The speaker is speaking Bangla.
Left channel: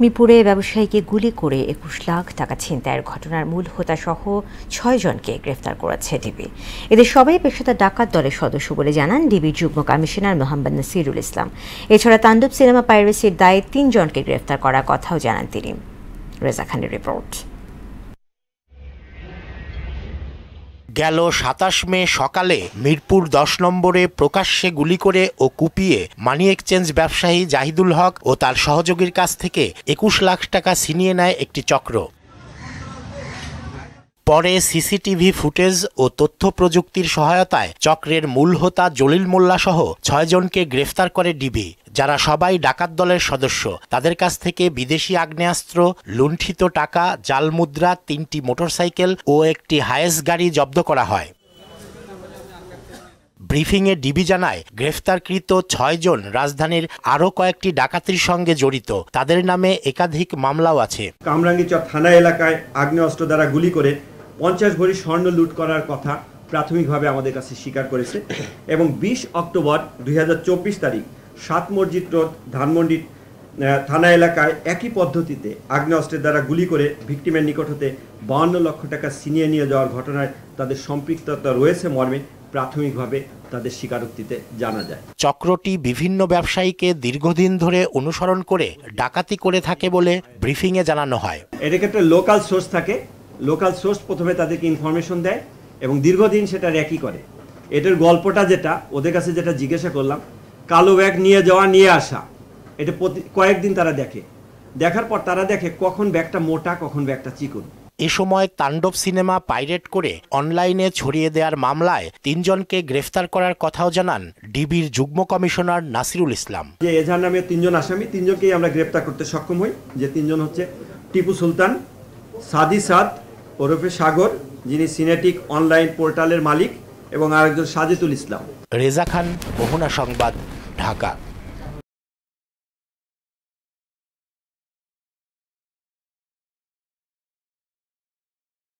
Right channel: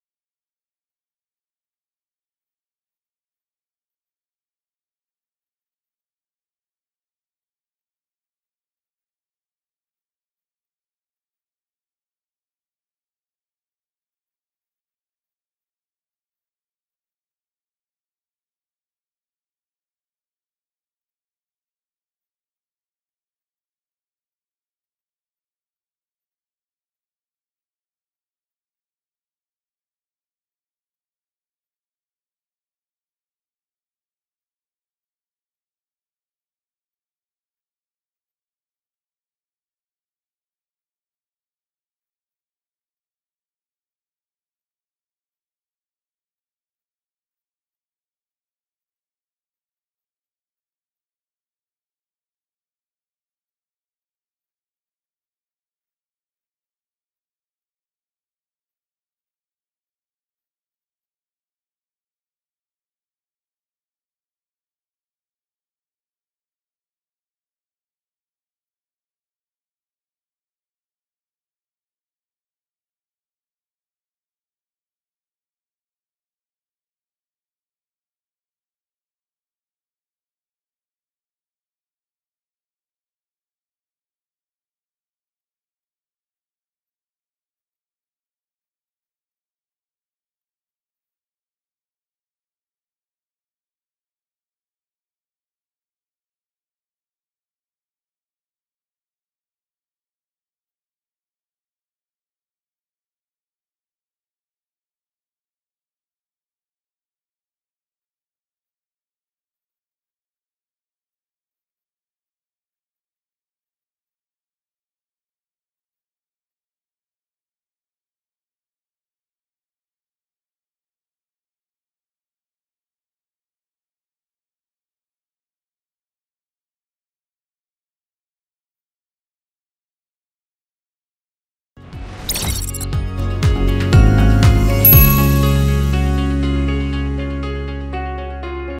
মিরপুরে ব্যবসায়ীকে গুলি করে ২১ লাখ টাকা ছিনতাইয়ের ঘটনার মূল হোতাসহ ৬ জনকে গ্রেফতার করেছে ডিবি। এদের সবাই পেশাদার ডাকাত দলের সদস্য বলে জানান ডিবির যুগ্ম কমিশনার মোহাম্মদ নাসিরুল ইসলাম। এছাড়া তাণ্ডব সিনেমা পাইরেসির দায়ে ৩ জনকে গ্রেফতার করার কথাও জানান তিনি। রেজা খানের রিপোর্ট। গেল ২৭ মে সকালে মিরপুর ১০ নম্বরে প্রকাশ্যে গুলি করে ও কুপিয়ে মানি এক্সচেঞ্জ ব্যবসায়ী জাহিদুল হক ও তার সহযোগীর কাছ থেকে ২১ লাখ টাকা ছিনিয়ে নেয় একটি চক্র। পরে সিসিটিভি ফুটেজ ও তথ্য প্রযুক্তির সহায়তায় চক্রের মূল হোতা জলিল মোল্লা সহ ৬ জনকে গ্রেফতার করে ডিবি, যারা সবাই ডাকাত দলের সদস্য। তাদের কাছ থেকে বিদেশি আগ্নেয়াস্ত্র, লুণ্ঠিত টাকা, জাল মুদ্রা, ৩টি মোটরসাইকেল ও একটি হায়েস গাড়ি জব্দ করা হয়। ব্রিফিংয়ে ডিবি জানায়, গ্রেফতারকৃত ৬ জন রাজধানীর আরও কয়েকটি ডাকাতির সঙ্গে জড়িত। তাদের নামে একাধিক মামলাও আছে। কামরাঙ্গীরচর থানা এলাকায় আগ্নেয়াস্ত্র দ্বারা গুলি করে ৫০ ভরি স্বর্ণ লুট করার কথা প্রাথমিকভাবে আমাদের কাছে স্বীকার করেছে এবং ২০ অক্টোবর ২০২৪ তারিখ ৭ মসজিদ রোড ধানমন্ডি থানা এলাকায় একই পদ্ধতিতে আগ্নেয়াস্ত্রের দ্বারা গুলি করে ভিকটিমের নিকট হতে ৫২ লক্ষ টাকা ছিনিয়ে নিয়ে যাওয়ার ঘটনায় তাদের সম্পৃক্ততা রয়েছে মর্মে প্রাথমিকভাবে তাদের স্বীকারোক্তিতে জানা যায়। চক্রটি বিভিন্ন ব্যবসায়ীকে দীর্ঘদিন ধরে অনুসরণ করে ডাকাতি করে থাকে বলে ব্রিফিংয়ে জানানো হয়। এর ক্ষেত্রে লোকাল সোর্স থাকে, লোকাল সোর্স প্রথমে তাদেরকে ইনফরমেশন দেয় এবং দীর্ঘদিন সেটা র্যাকি করে। এটার গল্পটা যেটা ওদের কাছে যেটা জিজ্ঞাসা করলাম, কালো ব্যাগ নিয়ে যাওয়া নিয়ে আসা, এটা কয়েকদিন তারা দেখে, দেখার পর তারা দেখে কখন ব্যাগটা মোটা কখন ব্যাগটা চিকন। এ সময় তাণ্ডব সিনেমা পাইরেট করে অনলাইনে ছড়িয়ে দেওয়ার মামলায় ৩ জনকে গ্রেফতার করার কথাও জানান ডিবির যুগ্ম কমিশনার নাসিরুল ইসলাম। যে এজাহার নামে ৩ জন আসামি, ৩ জনকেই আমরা গ্রেফতার করতে সক্ষম হই। যে 3 জন হচ্ছে টিপু সুলতান, সাদি সাদ ওরফে সাগর, যিনি সিনেটিক অনলাইন পোর্টালের মালিক, এবং আরেকজন সাজিদুল ইসলাম। রেজা খান, মোহনা সংবাদ, ঢাকা।